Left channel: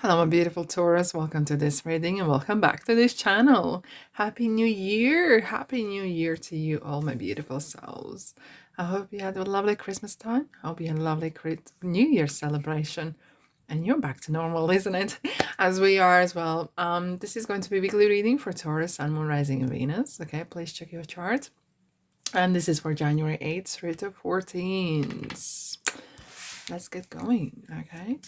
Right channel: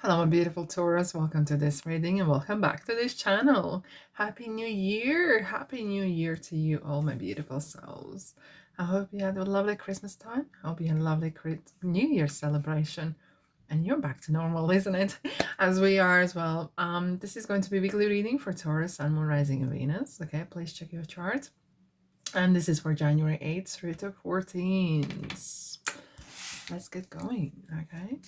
Hello, my beautiful Taurus. Welcome to this reading and welcome back to this channel. Happy New Year! Happy New Year to you, all my beautiful souls. I hope you had a lovely Christmas time. I hope you had a lovely New Year celebration. And you're back to normal, isn't it? As we are as well. This is going to be weekly reading for Taurus, Sun, Moon, Rising, and Venus. Okay, please check your chart. And this is for January 8th through to 14th. Let's get going, okay?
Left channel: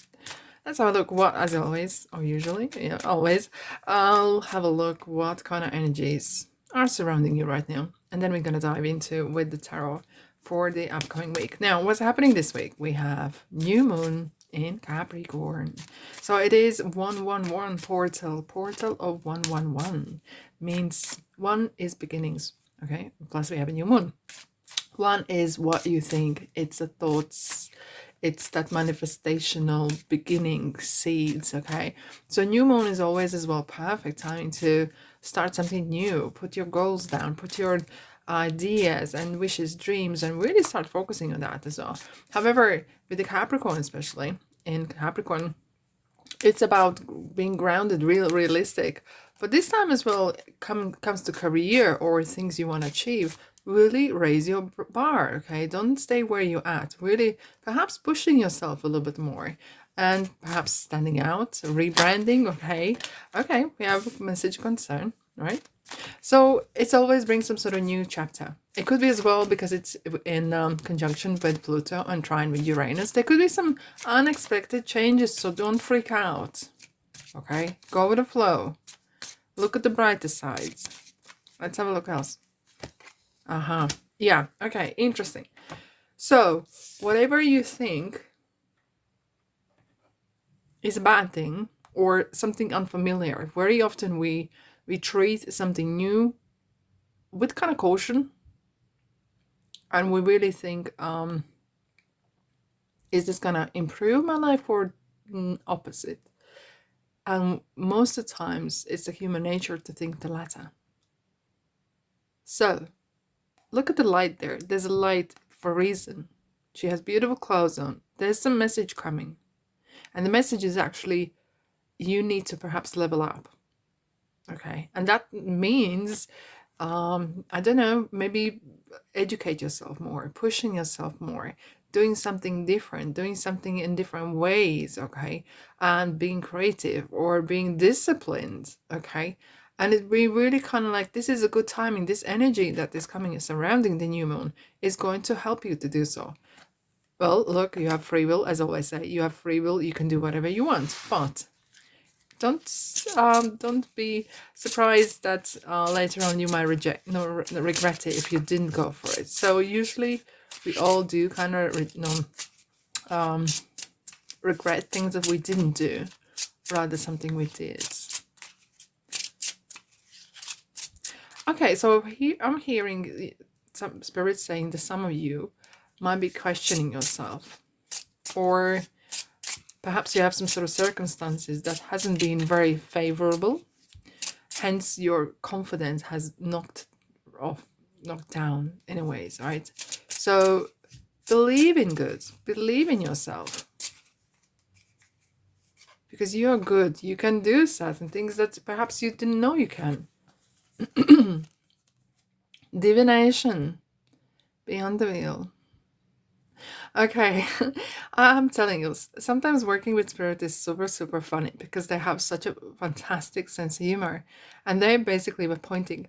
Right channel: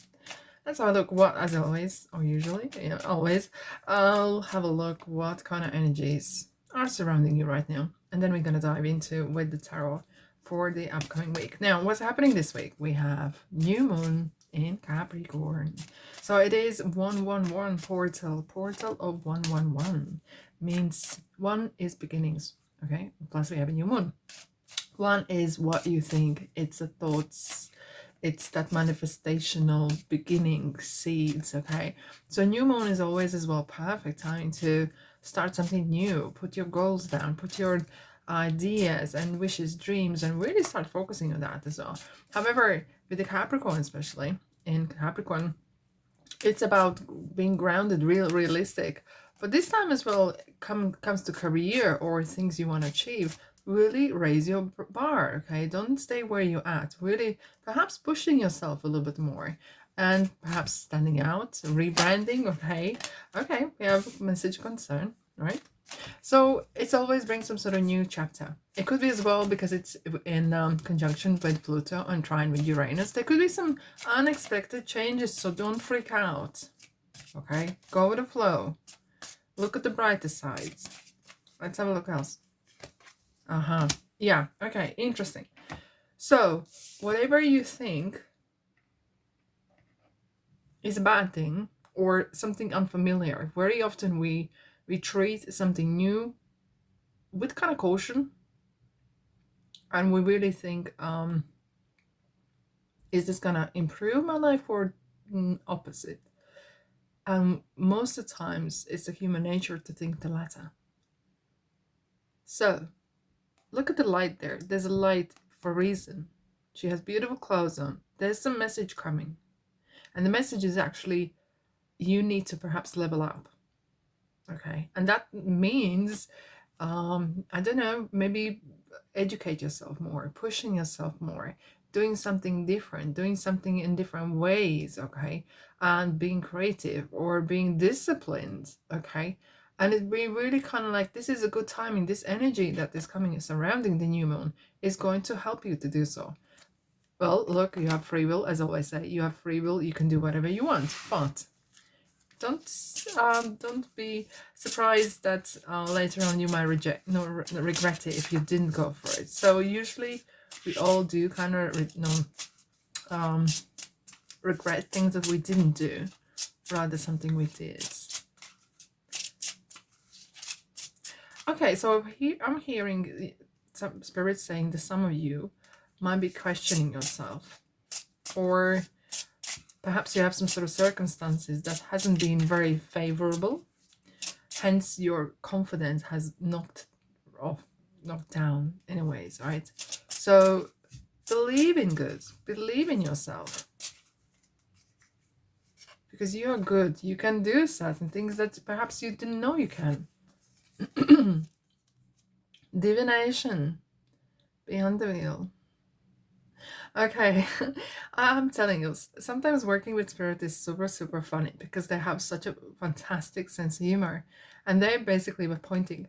Let's have a look what, as always, or usually, always, I'll have a look what kind of energies are surrounding you right now. And then we're going to dive into with the tarot for the upcoming week. Now, what's happening this week? We have new moon in Capricorn. So it is 111 portal of 111. Means one is beginnings, okay? Plus we have a new moon. One is what you think. It's the thoughts. It's that manifestational beginning seeds, okay? So new moon is always as well perfect time to start something new. Put your goals down. Put your ideas and wishes, dreams, and really start focusing on that as well. However, with the Capricorn, especially in Capricorn, it's about being grounded, realistic. But this time as well comes to career or things you want to achieve. Really raise your bar, okay? Don't stay where you're at. Really, perhaps pushing yourself a little bit more and perhaps standing out, rebranding, okay? Okay, we have message concern, right? So it's always brings some sort of new chapter. It could be as well because it's in conjunction with Pluto and trine with Uranus. There could be some unexpected changes, so don't freak out. Okay, go with the flow. Look at the brighter sides. Let's have a look else. Yeah, okay, interesting. So whatever you think is a bad thing or something unfamiliar, very often we treat something new with kind of caution, and we really think, is this gonna improve my life or opposite? And most of the times it's a human nature to think the latter. So look at the light there. There's a light for a reason. She has beautiful clothes on. There's some message coming, and the message is actually you need to perhaps level up, okay? And that means I don't know, maybe educate yourself more, pushing yourself more, doing something different, doing something in different ways, okay? And being creative or being disciplined, okay? And it be really kind of like, this is a good timing. This energy that is coming surrounding the new moon is going to help you to do so. Well, look, you have free will, as I always say, you have free will, you can do whatever you want, but don't be surprised that later on you might regret it if you didn't go for it. So usually we all do kind of regret things that we didn't do rather something we did. Okay, so here I'm hearing some spirits saying that some of you might be questioning yourself, or perhaps you have some sort of circumstances that hasn't been very favorable, hence your confidence has knocked down in ways, right? So believe in good, believe in yourself, because you're good. You can do certain things that perhaps you didn't know you can. Divination, beyond the veil. Okay, I'm telling you, sometimes working with spirit is super funny because they have such a fantastic sense of humor, and they basically were pointing,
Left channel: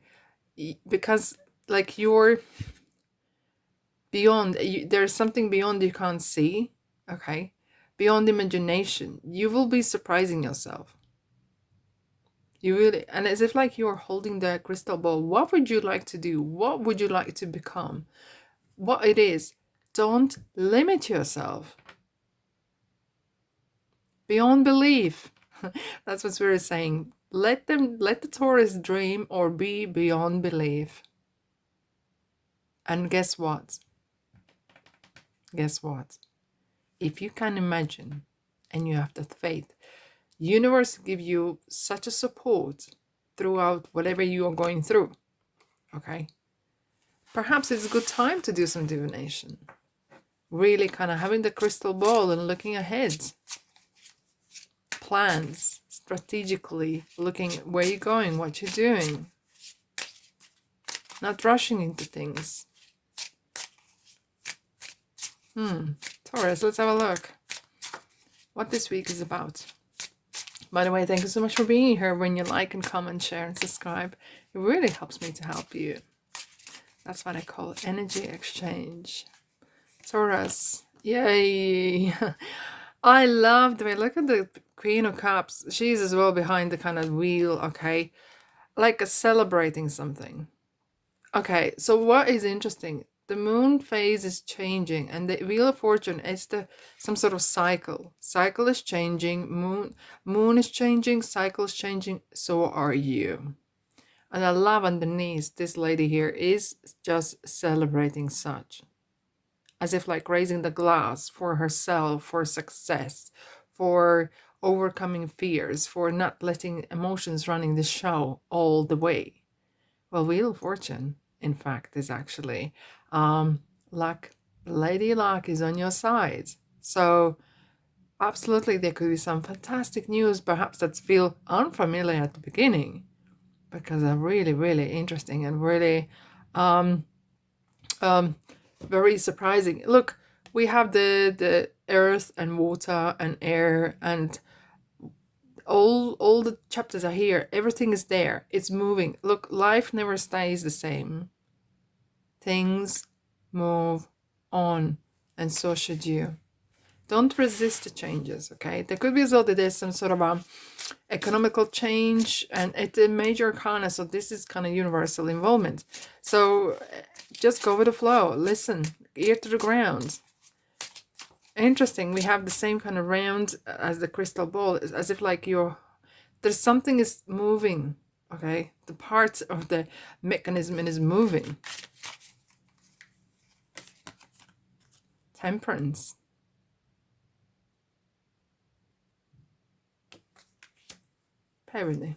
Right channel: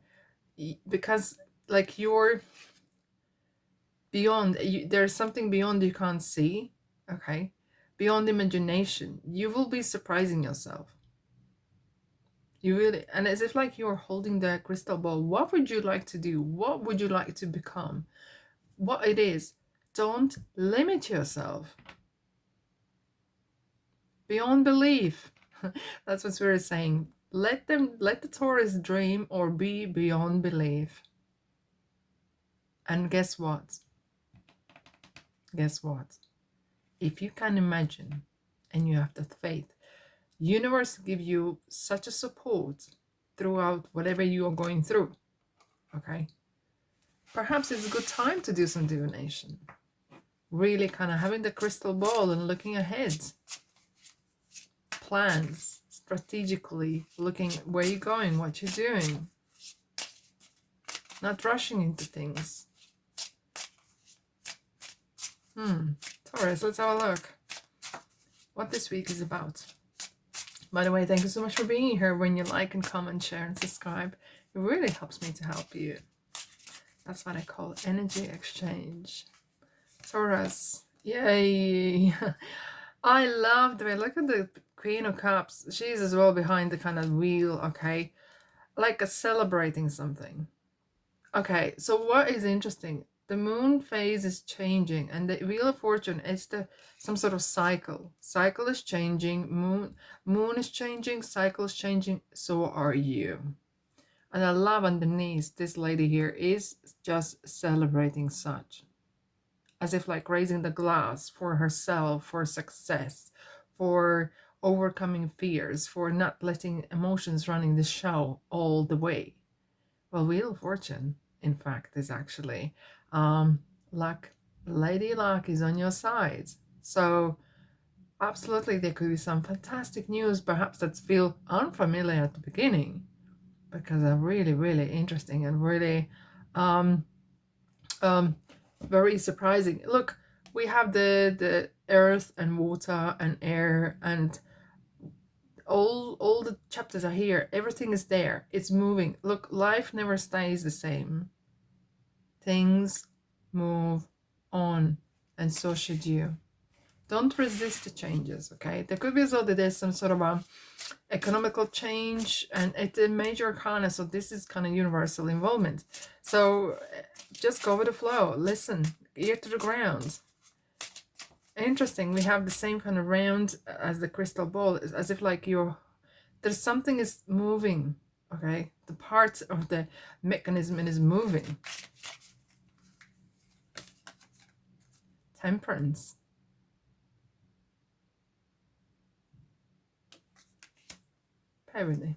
because like you're beyond, there's something beyond you can't see, okay, beyond imagination. You will be surprising yourself. You really, and as if like you're holding the crystal ball. What would you like to do? What would you like to become? What it is. Don't limit yourself. Beyond belief. That's what Spirit is saying. Let the Taurus dream or be beyond belief. And guess what? Guess what? If you can imagine and you have that faith, universe give you such a support throughout whatever you are going through. Okay? Perhaps it's a good time to do some divination. Really kind of having the crystal ball and looking ahead. plans, strategically looking at where you're going, what you're doing, not rushing into things. Taurus, let's have a look what this week is about. By the way, thank you so much for being here. When you like and comment, share and subscribe, it really helps me to help you. That's what I call energy exchange. Taurus, yay. I love the way, look at the Queen of Cups. She's as well behind the kind of wheel, okay? Like celebrating something. Okay, so what is interesting? The moon phase is changing, and the Wheel of Fortune is some sort of cycle. Cycle is changing, moon is changing, cycle is changing, so are you. And I love underneath, this lady here is just celebrating such. As if like raising the glass for herself, for success, for overcoming fears, for not letting emotions running the show all the way. Well, Wheel of Fortune, in fact, is actually luck. Lady Luck is on your side. So absolutely there could be some fantastic news, perhaps that feel unfamiliar at the beginning, because are really, really interesting and really very surprising. Look, we have the earth and water and air, and all the chapters are here. Everything is there. It's moving. Look, life never stays the same. Things move on, and so should you. Don't resist the changes, okay? There could be as well that there's some sort of economical change, and it's a major arcana, so this is kind of universal involvement. So just go with the flow. Listen, ear to the ground. Interesting, we have the same kind of round as the crystal ball, as if like there's something is moving, okay? The parts of the mechanism is moving. Temperance. Bear with me.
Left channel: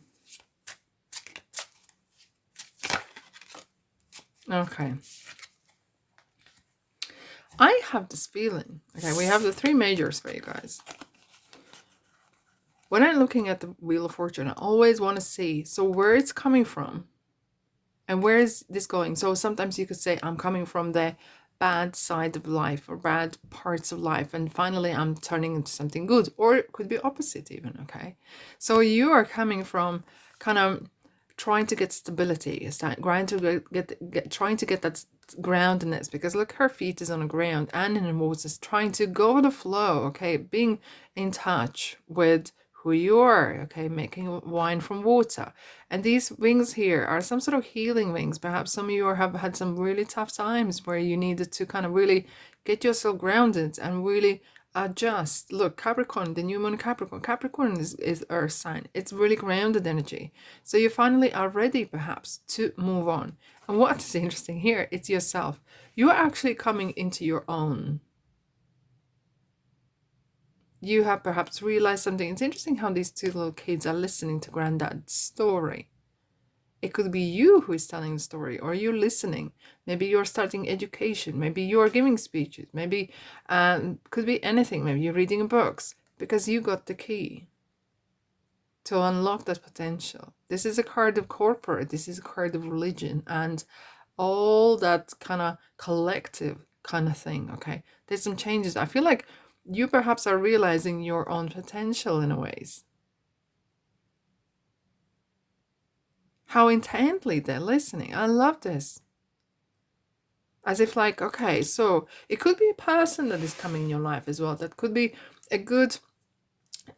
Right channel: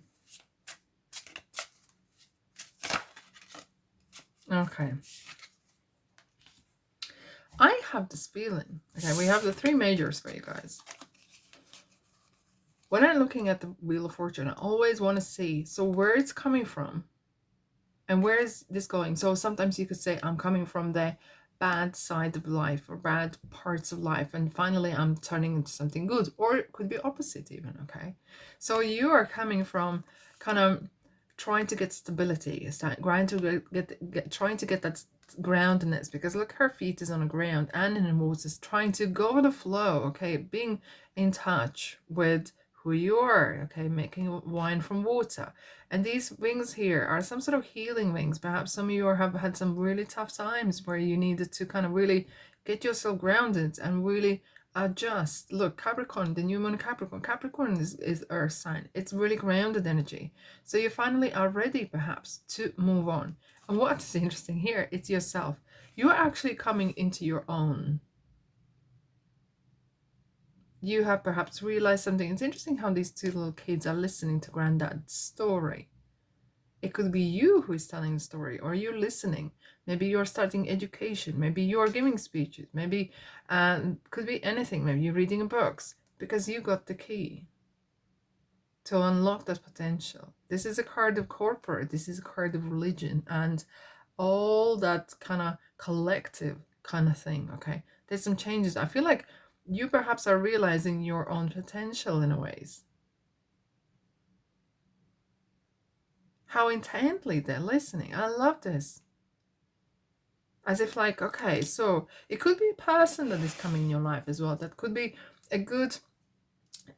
Okay. I have this feeling, okay, we have the three majors for you guys. When I'm looking at the Wheel of Fortune, I always want to see, so where it's coming from and where is this going? So sometimes you could say, I'm coming from the bad side of life or bad parts of life, and finally I'm turning into something good, or it could be opposite even, okay? So you are coming from kind of trying to get stability, trying to get that groundedness, because look, her feet is on the ground and in the waters, trying to go with the flow, okay, being in touch with who you are, okay, making wine from water. And these wings here are some sort of healing wings. Perhaps some of you have had some really tough times where you needed to kind of really get yourself grounded and really adjust. Look, Capricorn, the new moon Capricorn is earth sign. It's really grounded energy. So you finally are ready perhaps to move on. And what is interesting here, it's yourself. You are actually coming into your own. You have perhaps realized something. It's interesting how these two little kids are listening to Granddad's story. It could be you who is telling the story, or you listening. Maybe you're starting education. Maybe you're giving speeches. Maybe could be anything. Maybe you're reading books, because you got the key to unlock that potential. This is a card of corporate. This is a card of religion and all that kind of collective kind of thing, okay? There's some changes. I feel like you perhaps are realizing your own potential in a ways. How intently they're listening. I love this. As if like, okay, so it could be a person that is coming in your life as well. That could be a good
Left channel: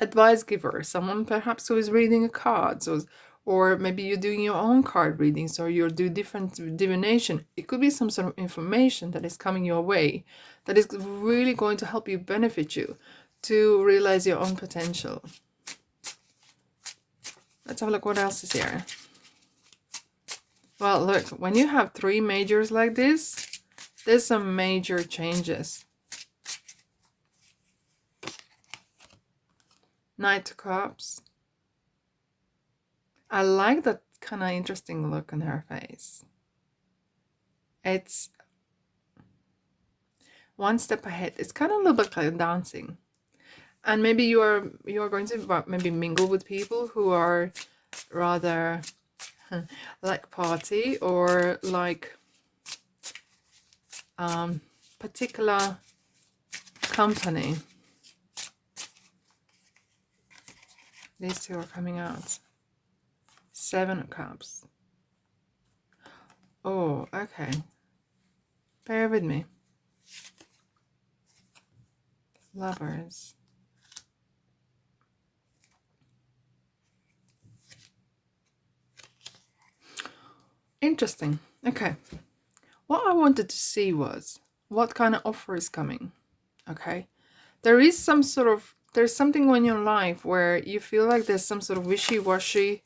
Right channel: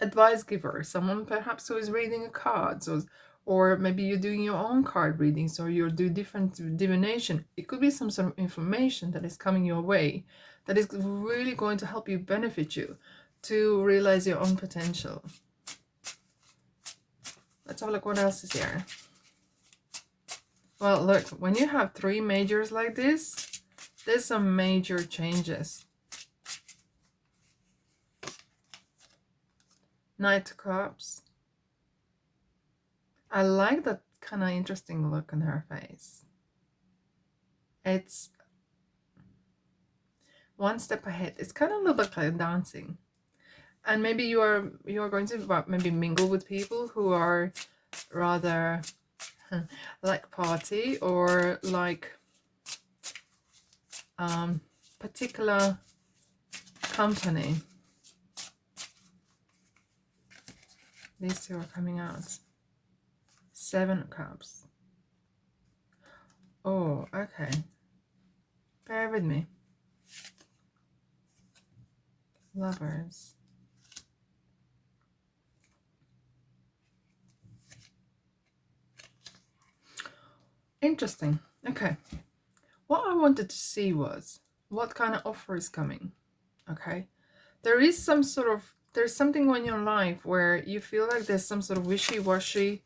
advice giver, someone perhaps who is reading a card, or maybe you're doing your own card readings, or you're doing different divination. It could be some sort of information that is coming your way that is really going to help you, benefit you to realize your own potential. Let's have a look what else is here. Well, look, when you have three majors like this, there's some major changes. Knight of Cups. I like that kind of interesting look on her face. It's one step ahead. It's kind of a little bit like dancing. And maybe you are going to maybe mingle with people who are rather like party, or like particular company. These two are coming out. 7 of Cups. Oh, okay. Bear with me. Lovers. Interesting. Okay. What I wanted to see was what kind of offer is coming. Okay. There is some sort of, there's something in your life where you feel like there's some sort of wishy-washy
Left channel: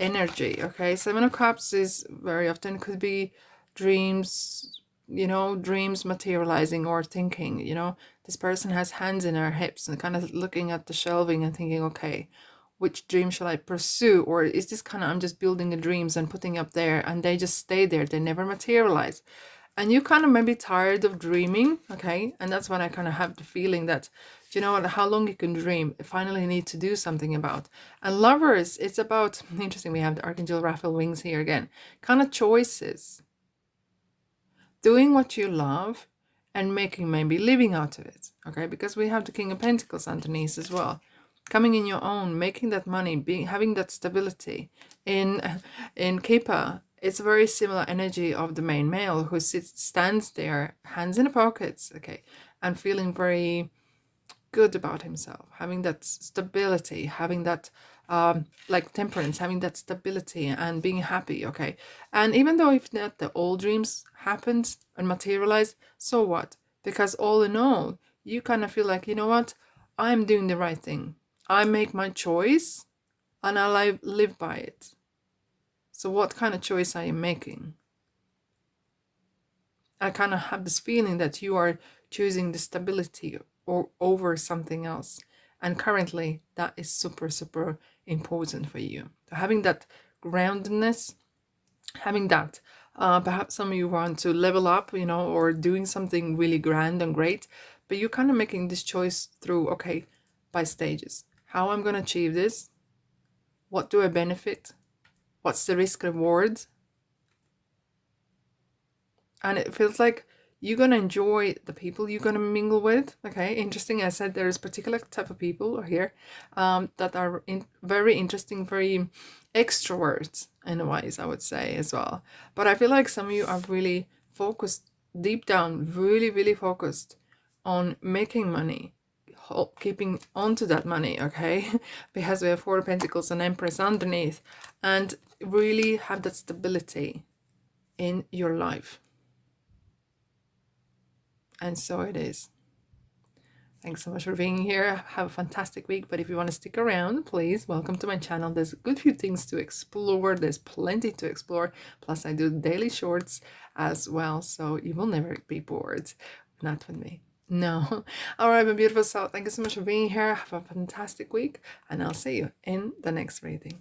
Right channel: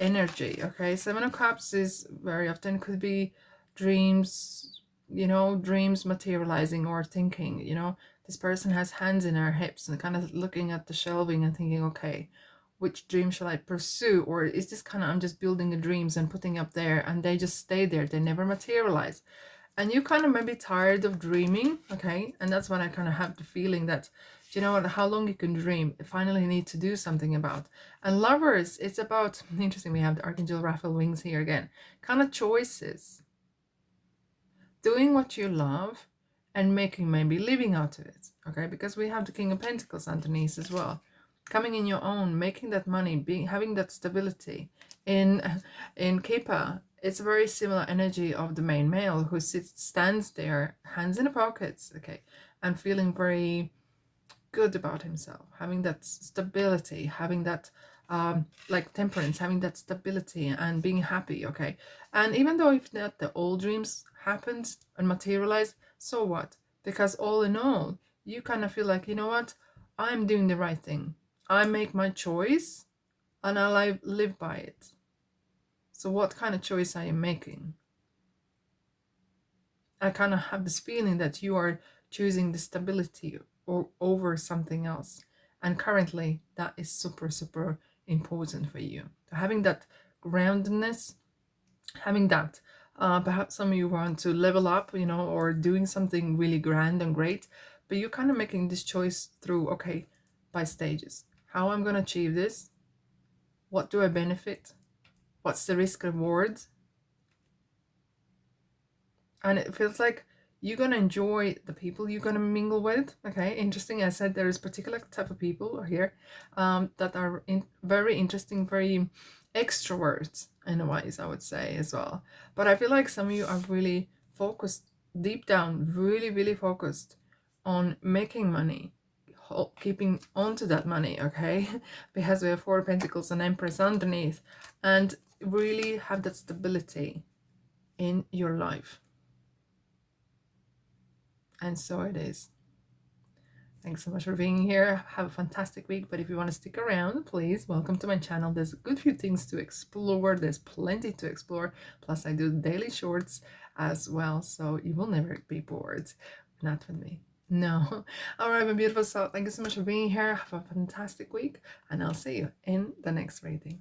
energy. Okay. 7 of Cups is very often could be dreams, dreams materializing, or thinking, this person has hands in her hips and kind of looking at the shelving and thinking, okay, which dream shall I pursue? Or is this kind of, I'm just building the dreams and putting up there and they just stay there, they never materialize. And you kind of maybe tired of dreaming, okay? And that's when I kind of have the feeling that, do you know what, how long you can dream, you finally need to do something about. And lovers, it's about, interesting, we have the Archangel Raphael wings here again, kind of choices. Doing what you love and making, maybe living out of it, okay? Because we have the King of Pentacles underneath as well. Coming in your own, making that money, having that stability. In Keeper, it's a very similar energy of the main male who stands there, hands in the pockets, okay, and feeling very good about himself, having that stability, having that like Temperance, having that stability and being happy, okay. And even though if not the old dreams happened and materialized, so what? Because all in all, you kind of feel like, you know what, I'm doing the right thing. I make my choice and I live by it. So what kind of choice are you making? I kind of have this feeling that you are choosing the stability or over something else. And currently that is super, super important for you. So having that groundedness, having that, perhaps some of you want to level up, or doing something really grand and great, but you're kind of making this choice through, okay, by stages. How I'm going to achieve this? What do I benefit? What's the risk reward? And it feels like you're gonna enjoy the people you're gonna mingle with. Okay, interesting. I said there is particular type of people here that are very interesting, very extroverts in ways, I would say as well. But I feel like some of you are really focused deep down, really, really focused on making money, keeping on to that money. Okay, because we have 4 of Pentacles and Empress underneath, and really have that stability in your life. And so it is. Thanks so much for being here. Have a fantastic week. But if you want to stick around, please welcome to my channel. There's a good few things to explore. There's plenty to explore. Plus, I do daily shorts as well. So you will never be bored. Not with me. No. All right, my beautiful soul. Thank you so much for being here. Have a fantastic week. And I'll see you in the next reading.